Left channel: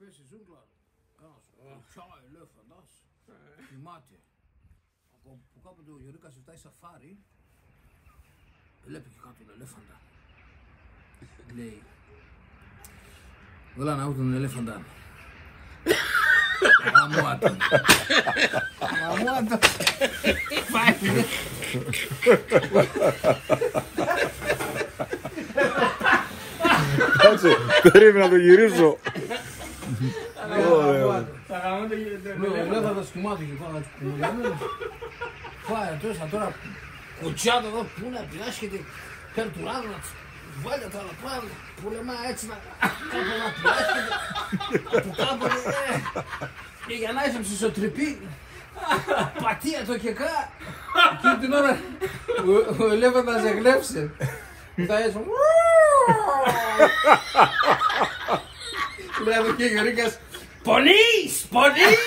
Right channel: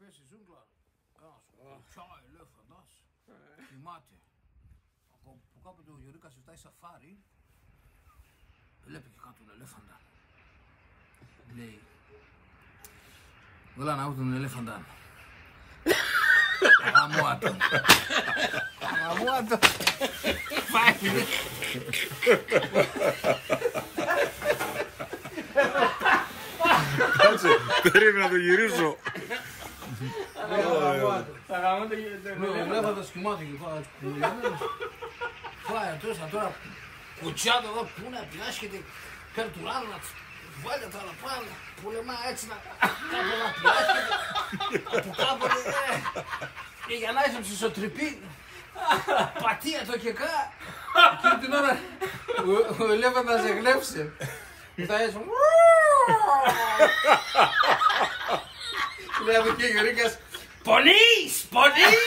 πέσει ζούγκλα. Κουτσά ελέφαντας. Θυμάται. Που κάποτε ο Γιωρίκας ζητάει σαφάρι. Βλέπει και κάτω τον ελέφαντα. Λέει. Όλα να άκου τον ελέφαντα. Αγαμουάτο. Αγαμουάτο. Πάει. Κάτσε, περίμενα να το γυρίσω. Ο ελέφαντας κοιμάται και πάει κουμουλιαμένος. Πάει τώρα κουτσάτα εδώ που είναι απειάσχεται. Παίρνει του ράδου να βάλει τα άλλα πάλι. Πολεμά έτσι να κάπου να πιάσχεται. Από κάποτε και για να είσαι ψησοτρυπή. Πατία το και κά. Εκείνη την ώρα ο ελέφαντας εγλέψε. Μετά έτσι. Λέει εδώ και ο Γιωρίκας. Πονείς! Πονείς!